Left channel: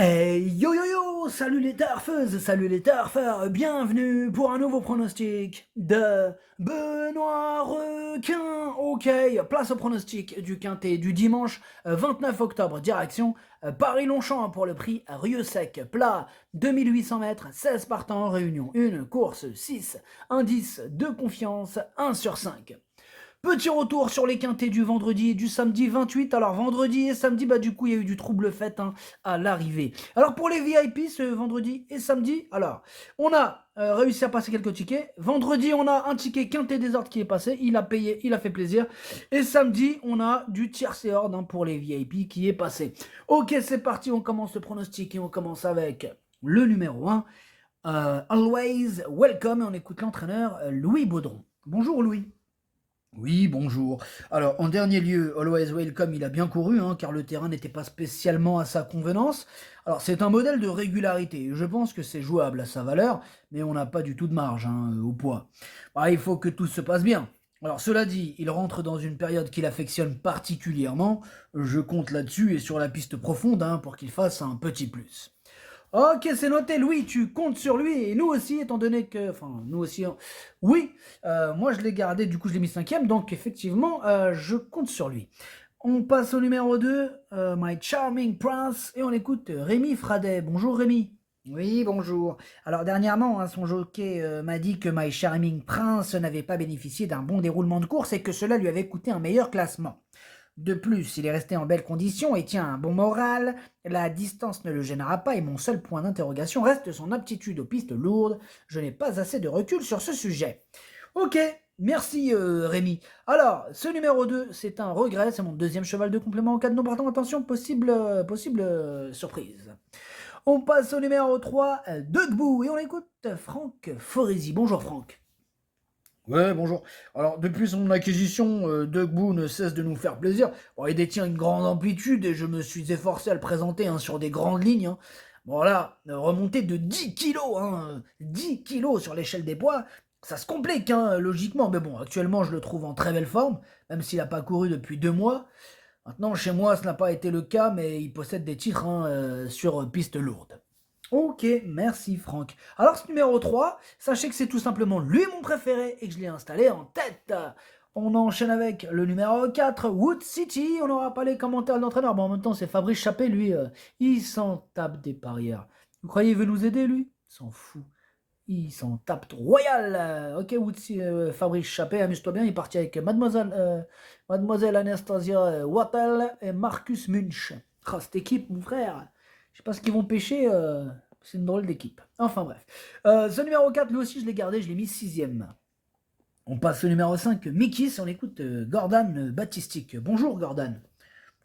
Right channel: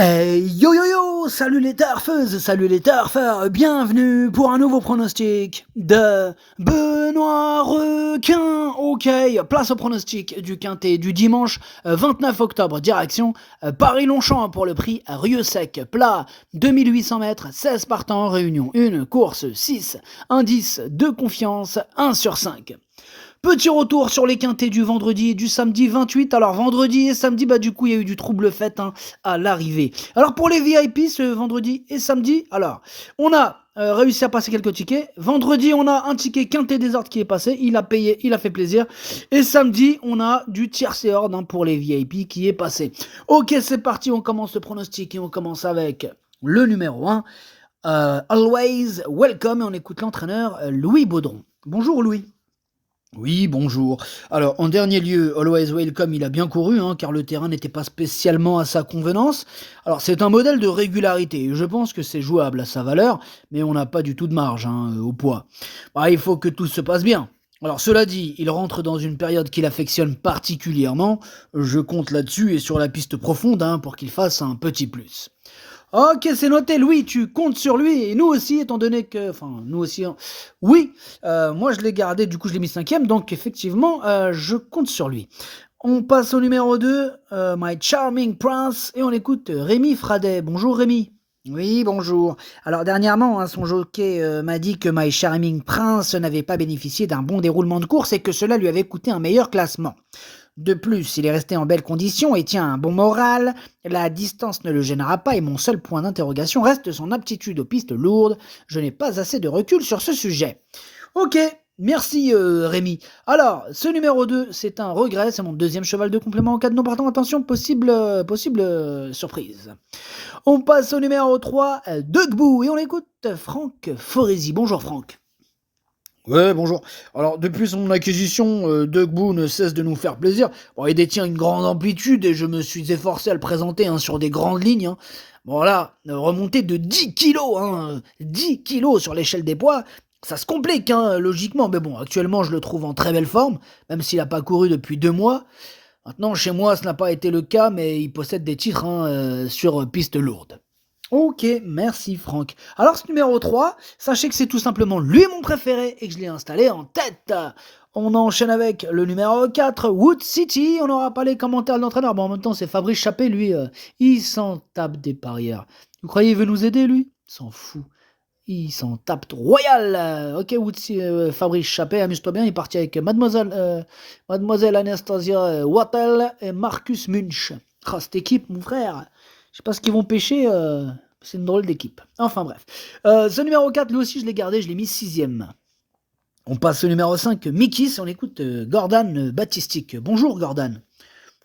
Hey yo yo yo, salut les turfeuses, salut les turfeurs, bienvenue pour un nouveau pronostic de Benoît Requin. Ok, place au pronostic du quintet du dimanche 29 octobre, direction Paris-Longchamp pour le prix Rieux-Sec, plat 2800 mètres, 16 partants, réunion 1, course 6, indice de confiance 1 sur 5. Petit retour sur les quintés du vendredi et du samedi 28. Alors vendredi et samedi, du coup il y a eu du trouble fait à l'arrivée. Alors pour les VIP ce vendredi et samedi, alors on a réussi à passer quelques tickets. Vendredi on a un ticket quintet des ordres qui est passé, il a payé, il a fait plaisir. Et samedi on a du tiercé ordre pour les VIP qui est passé. Ok, c'est parti, on commence le pronostic et on commence avec le numéro 1. Always Welcome, et on écoute l'entraîneur Louis Baudron. Bonjour Louis. Oui, bonjour. Alors, en dernier lieu, Always Welcome, il a bien couru, car le terrain n'était pas spécialement à sa convenance. Alors, c'est un modèle de régularité, et je pense que c'est jouable à sa valeur, mais on n'a pas du tout de marge au poids. Il faut que tout se passe bien. Alors, cela dit, il rentre dans une période qu'il affectionne particulièrement. Je compte là-dessus et sur la piste profonde pour qu'il fasse un petit plus. Ok, c'est noté, Louis, tu comptes sur lui, et nous aussi, étant donné que... Enfin, nous aussi... Oui, moi je l'ai gardé, du coup je l'ai mis cinquième, donc effectivement, je compte sur lui. On passe au numéro 2, My Charming Prince, et on écoute Rémi Fradet. Bonjour Rémi. Oui, bonjour. Alors dernièrement, son jockey m'a dit que My Charming Prince n'avait pas bénéficié d'un bon déroulement de course et que cela lui avait coûté un meilleur classement. De plus, il est resté en belle condition et tient un bon moral, la distance ne le gênera pas et mon seul point d'interrogation reste son aptitude aux pistes lourdes. Je n'ai pas assez de recul sur ce sujet. Ok, merci Rémi. Alors, ce numéro 2, c'est un regret, c'est mon deuxième cheval de complément en cas de non partant. Attention, possible surprise. On passe au numéro 3, Dugbou, et on écoute Franck Foresi. Bonjour Franck. Ouais, bonjour. Alors, depuis son acquisition, Doug Boo ne cesse de nous faire plaisir. Bon, il détient une grande amplitude et je me suis efforcé à le présenter sur des grandes lignes. Bon, là, remonter de 10 kilos, 10 kilos sur l'échelle des poids, ça se complique, logiquement. Mais bon, actuellement, je le trouve en très belle forme, même s'il n'a pas couru depuis 2 mois. Maintenant, chez moi, ce n'a pas été le cas, mais il possède des titres sur piste lourde. Ok, merci Franck. Alors ce numéro 3, sachez que c'est tout simplement lui mon préféré et que je l'ai installé en tête. On enchaîne avec le numéro 4, Wood City. On n'aura pas les commentaires de l'entraîneur. Bon, en même temps, c'est Fabrice Chappé, lui, il s'en tape des parieurs. Vous croyez qu'il veut nous aider, lui? Il s'en fout. Il s'en tape royal. Ok, Fabrice Chappé, amuse-toi bien. Il est parti avec Mademoiselle Anastasia Wattel et Marcus Munch. Oh, cette équipe, mon frère. Je sais pas ce qu'ils vont pêcher. C'est une drôle d'équipe. Enfin bref. Ce numéro 4, lui aussi, je l'ai gardé. Je l'ai mis sixième. On passe au numéro 5, Mikis. On écoute Gordon Baptistique. Bonjour, Gordon.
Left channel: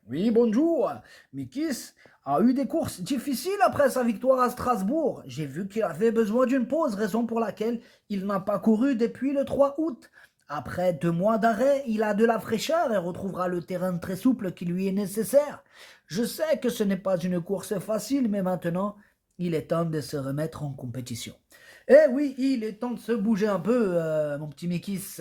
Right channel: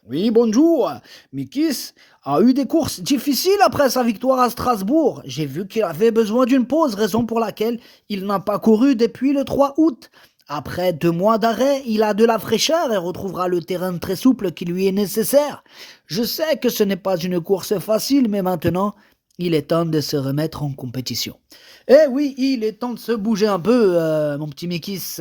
Oui, bonjour. Mikis a eu des courses difficiles après sa victoire à Strasbourg. J'ai vu qu'il avait besoin d'une pause, raison pour laquelle il n'a pas couru depuis le 3 août. Après 2 mois d'arrêt, il a de la fraîcheur et retrouvera le terrain très souple qui lui est nécessaire. Je sais que ce n'est pas une course facile, mais maintenant, il est temps de se remettre en compétition. Eh oui, il est temps de se bouger un peu, mon petit Mikis.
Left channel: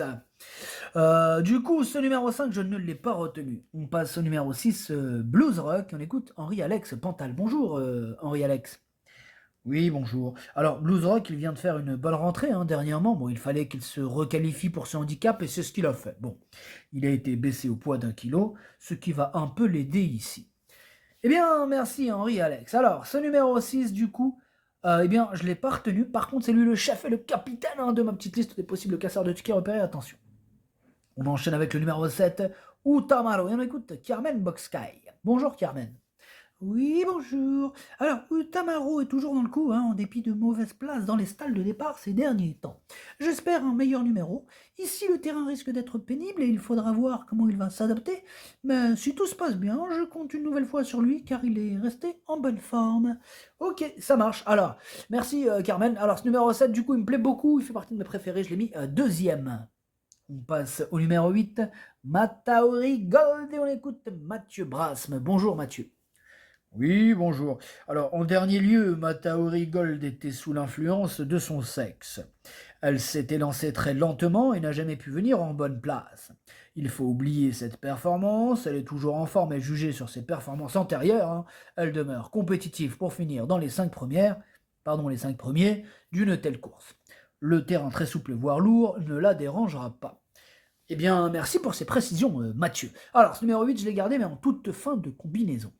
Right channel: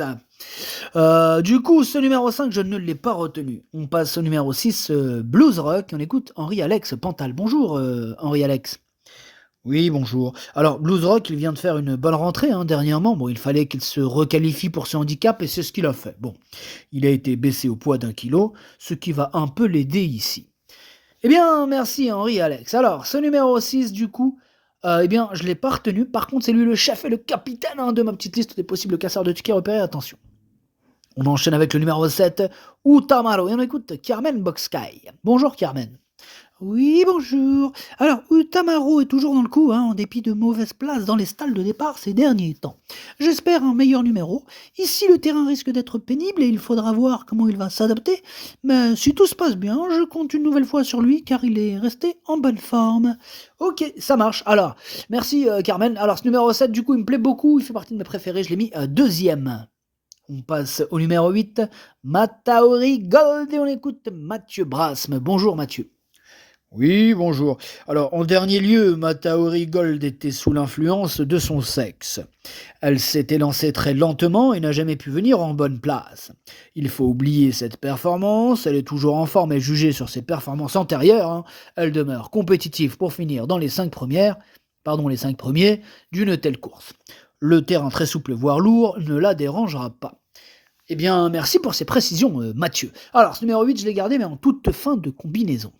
Du coup, ce numéro 5, je ne l'ai pas retenu. On passe au numéro 6, Blues Rock. On écoute Henri-Alex Pantal. Bonjour, Henri-Alex. Oui, bonjour. Alors, Blues Rock, il vient de faire une bonne rentrée dernièrement. Bon, il fallait qu'il se requalifie pour ce handicap et c'est ce qu'il a fait. Bon, il a été baissé au poids d'1 kilo, ce qui va un peu l'aider ici. Eh bien, merci Henri-Alex. Alors, ce numéro 6, du coup, eh bien, je ne l'ai pas retenu. Par contre, c'est lui le chef et le capitaine de ma petite liste des possibles casseurs de tickets repérés. Attention. On enchaîne avec le numéro 7, Utamaro. Et on écoute Carmen Boxkai. Bonjour Carmen. Oui, bonjour. Alors, Utamaro est toujours dans le coup, en dépit de mauvaises places dans les stalles de départ ces derniers temps. J'espère un meilleur numéro. Ici, le terrain risque d'être pénible et il faudra voir comment il va s'adapter. Mais si tout se passe bien, je compte une nouvelle fois sur lui car il est resté en bonne forme. Ok, ça marche. Alors, merci Carmen. Alors, ce numéro 7, du coup, il me plaît beaucoup. Il fait partie de mes préférés. Je l'ai mis deuxième. On passe au numéro 8, Mataori Gold, et on écoute Mathieu Brasme. Bonjour Mathieu. Oui, bonjour. Alors, en dernier lieu, Mataori Gold était sous l'influence de son sexe. Elle s'était lancée très lentement et n'a jamais pu venir en bonne place. Il faut oublier cette performance, elle est toujours en forme et jugée sur ses performances antérieures, hein. Elle demeure compétitive pour finir dans les 5 premiers d'une telle course. Le terrain très souple voire lourd ne la dérangera pas. Eh bien, merci pour ces précisions, Mathieu. Alors, ce numéro 8, je l'ai gardé, mais en toute fin de combinaison.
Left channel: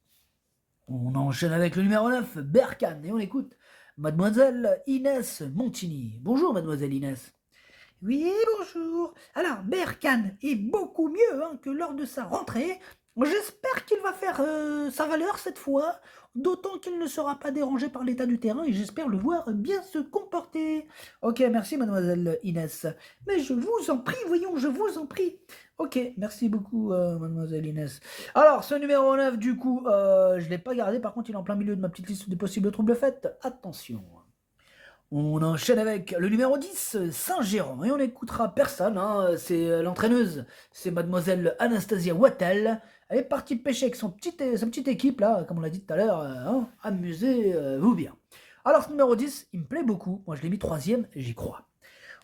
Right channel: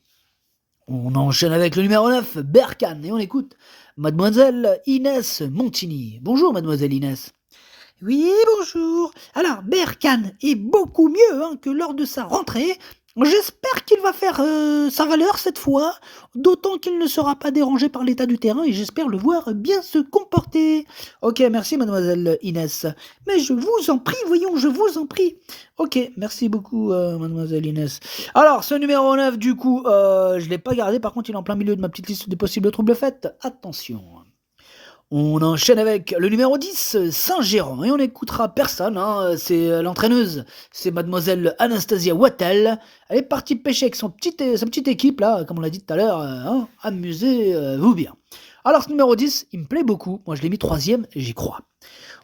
On enchaîne avec le numéro 9, Berkane, et on écoute Mademoiselle Inès Montigny. Bonjour, Mademoiselle Inès. Oui, bonjour. Alors, Berkane est beaucoup mieux que lors de sa rentrée. J'espère qu'il va faire sa valeur cette fois, d'autant qu'il ne sera pas dérangé par l'état du terrain et j'espère le voir bien se comporter. Ok, merci, Mademoiselle Inès. Mais je vous en prie, voyons, je vous en prie. Ok, merci beaucoup, Mademoiselle Inès. Alors, ce numéro 9, du coup, je ne l'ai pas gardé, par contre, il est en plein milieu de ma petite liste des possibles troubles faits. Attention. On enchaîne avec le numéro 10, Saint-Gérand, et on n'écoutera personne, hein, c'est l'entraîneuse, c'est Mademoiselle Anastasia Wattel. Elle est partie pêcher avec sa petite équipe, là, comme on l'a dit tout à l'heure, hein, amusez-vous bien. Alors ce numéro 10, il me plaît beaucoup, moi je l'ai mis troisième, j'y crois.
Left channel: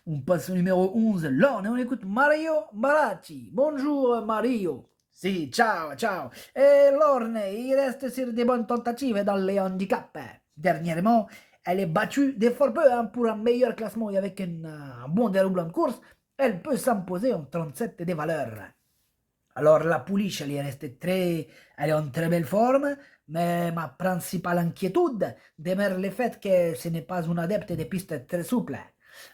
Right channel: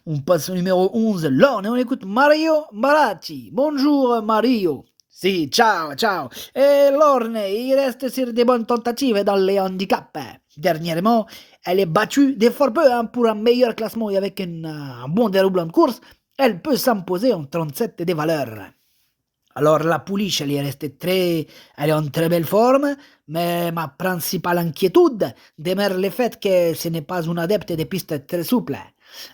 On passe au numéro 11, Lorne, et on écoute Mario Maratti. Bonjour Mario. Si, ciao, ciao. Et Lorne, il reste sur des bonnes tentatives dans les handicaps. Dernièrement, elle est battue des fort peu pour un meilleur classement et avec un bon déroulement de course, elle peut s'imposer en 37 des valeurs. Alors la pouliche, elle est en très belle forme, mais ma principale inquiétude demeure le fait que ce n'est pas une adepte des pistes très souples.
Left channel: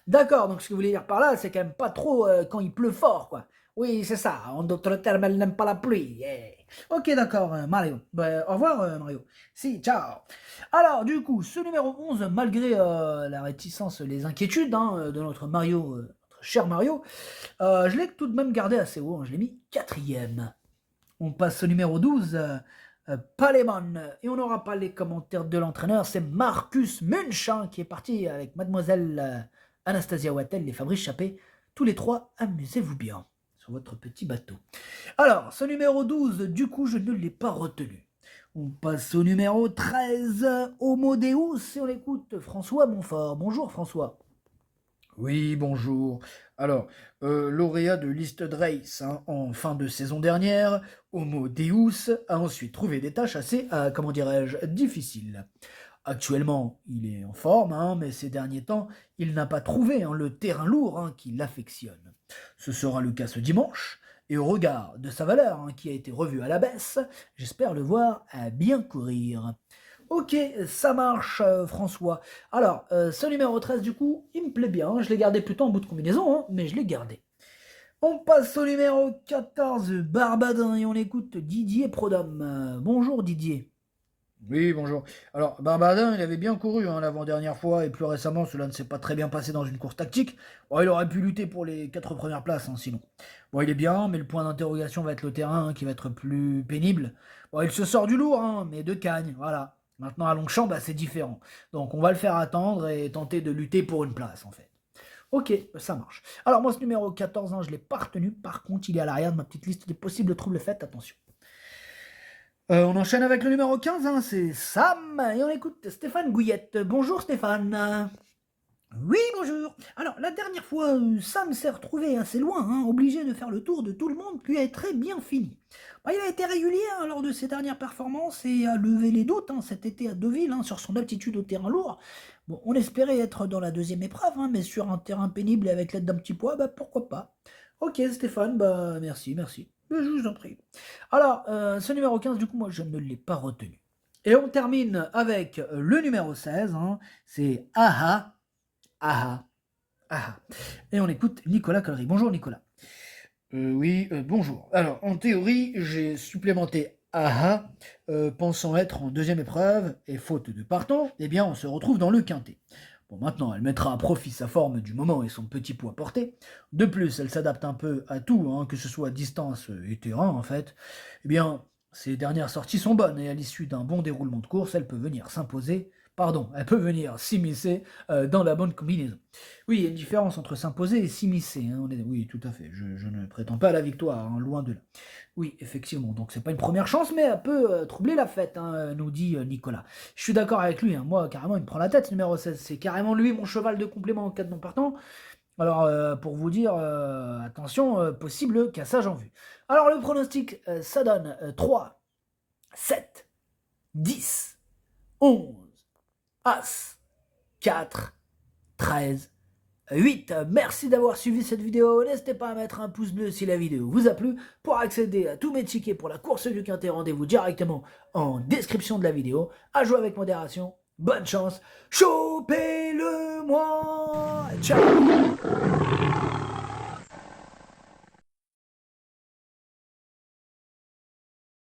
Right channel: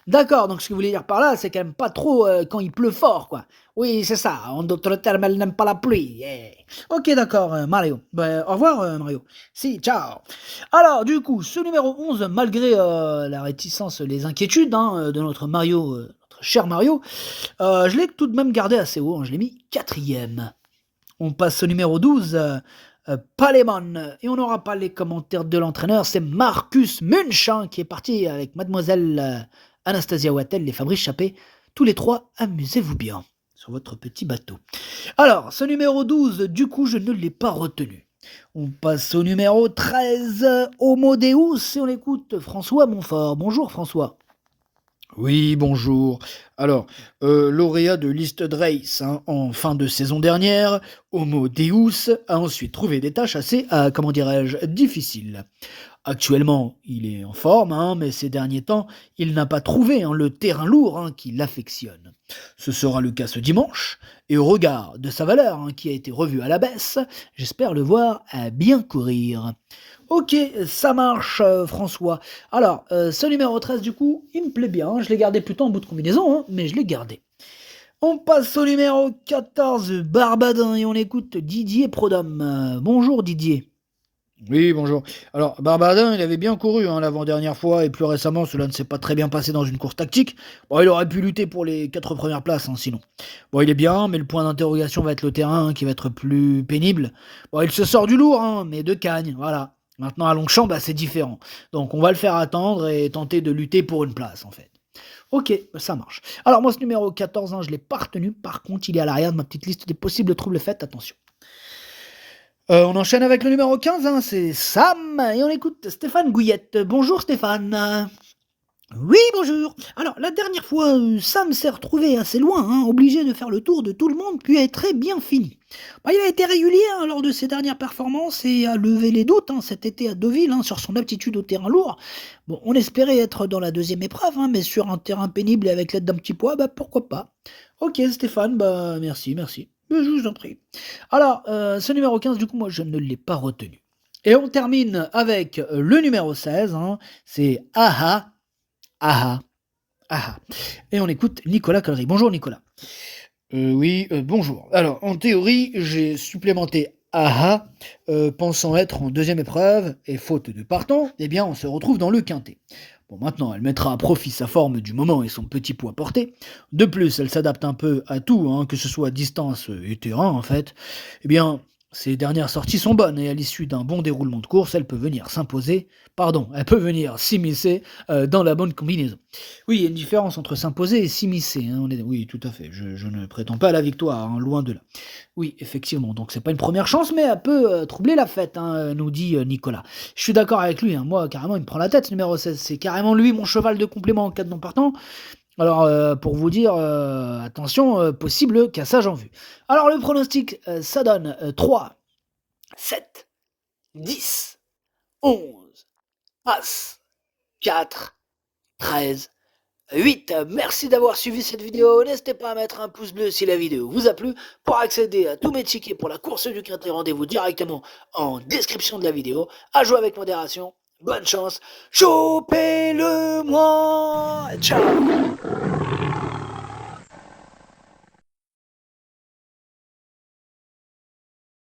D'accord, donc ce que vous voulez dire par là, c'est qu'elle n'aime pas trop quand il pleut fort, quoi. Oui, c'est ça, en d'autres termes, elle n'aime pas la pluie. Yeah. Ok, d'accord, Mario. Ben, au revoir, Mario. Si, ciao. Alors, du coup, ce numéro 11, malgré la réticence, les inquiétudes de notre Mario, notre cher Mario, je l'ai tout de même gardé assez haut, hein, je l'ai mis quatrième. On passe au numéro 12, Palemon, et on n'aura pas les commentaires de l'entraîneur, c'est Marcus Munch qui est parti avec Mademoiselle Anastasia Wattel, les Fabrice Chappé. Tous les trois, amusez-vous bien sur votre petit bateau. Alors, ce numéro 12, du coup, je ne l'ai pas retenu. On passe au numéro 13, Homo Deus, et on écoute François Montfort. Bonjour François. Oui, bonjour. Alors, lauréat de liste de race en fin de saison dernière, Homo Deus a ensuite trouvé des tâches assez, comment dirais-je, difficiles. Actuellement, il est en forme, mais ces derniers temps, il n'a pas trouvé le terrain lourd qui l'affectionne. Ce sera le cas ce dimanche, et au regard de sa valeur qui a été revue à la baisse, j'espère le voir bien courir. Ok, ça marche, François. Alors, ce numéro 13, du coup, il me plaît bien. Je l'ai gardé plutôt en bout de combinaison, mais je l'ai gardé. On passe au numéro 14, Barbadin, et on écoute Didier Prodhomme. Bonjour Didier. Oui, bonjour. Alors, Barbadin, il avait bien couru l'avant-dernière fois, et plus récemment, cela ne s'est pas très bien passé dans une course tactique. Bon, il aurait pu lutter pour les 4 premières places, sinon. Bon, il est bien, mais le point d'interrogation va être le terrain, qui va être plus pénible. Bon, il se sort du lourd, mais de Cagne, voilà. Maintenant, à Longchamp, c'est différent. Donc, on va le faire attendre et tenter de lutter pour une place, en fait. Ok, ça marche. Alors, moi, ce numéro 14, je ne l'ai pas retenu. Par contre, il est à l'arrière de ma petite liste des possibles troubles faits. Attention. On enchaîne avec le numéro 15, c'est Sam, et on écoute Stéphane Gouillette. Bonjour Stéphane. Oui, bonjour. Alors, la dernière fois, Sam s'est retrouvé assez loin, obligé de faire le tour de tout le monde, puis est très bien fini. Il a été régulier lors de ses dernières performances et a levé les doutes cet été à Deauville sur son aptitude au terrain lourd. Bon, on espérait être dans la deuxième épreuve, mais sur un terrain pénible et avec l'aide d'un petit poids, pourquoi pas. Ok Stéphane, merci. Mais je vous en prie. Alors, ce numéro 15, du coup, moi, je ne l'ai pas retenu. Et on termine avec le numéro 16, c'est Aha. Ah ah. Et on écoute Nicolas Collery. Bonjour Nicolas. Oui, bonjour. Alors, en théorie, j'ai supplémenté AHA, pensant être en deuxième épreuve, et faute de partant, eh bien, on se retrouve dans le quintet. Bon, maintenant, elle mettra à profit sa forme du moment et son petit poids porté. De plus, elle s'adapte un peu à tout, que ce soit distance et terrain, en fait. Eh bien, Ses dernières sorties sont bonnes et à l'issue d'un bon déroulement de course, elle peut venir s'immiscer dans la bonne combinaison. Oui, il y a une différence entre s'imposer et s'immiscer, hein, oui, tout à fait. Je ne prétends pas à la victoire, hein, loin de là. Oui, effectivement, donc c'est pas une première chance, mais elle peut troubler la fête, hein, nous dit Nicolas. Je suis d'accord avec lui, hein, moi, carrément, il me prend la tête, ce numéro 16. C'est carrément lui, mon cheval de complément en cas de non partant. Alors, pour vous dire, attention, possible cassage en vue. Alors, le pronostic, ça donne 3, 7, 10, 11, As, 4, 13, 8. Merci d'avoir suivi cette vidéo. N'hésitez pas à mettre un pouce bleu si la vidéo vous a plu. Pour accéder à tous mes tickets pour la course du Quintet, rendez-vous directement en description de la vidéo. À jouer avec modération. Bonne chance. Chopez-le moi. Ciao.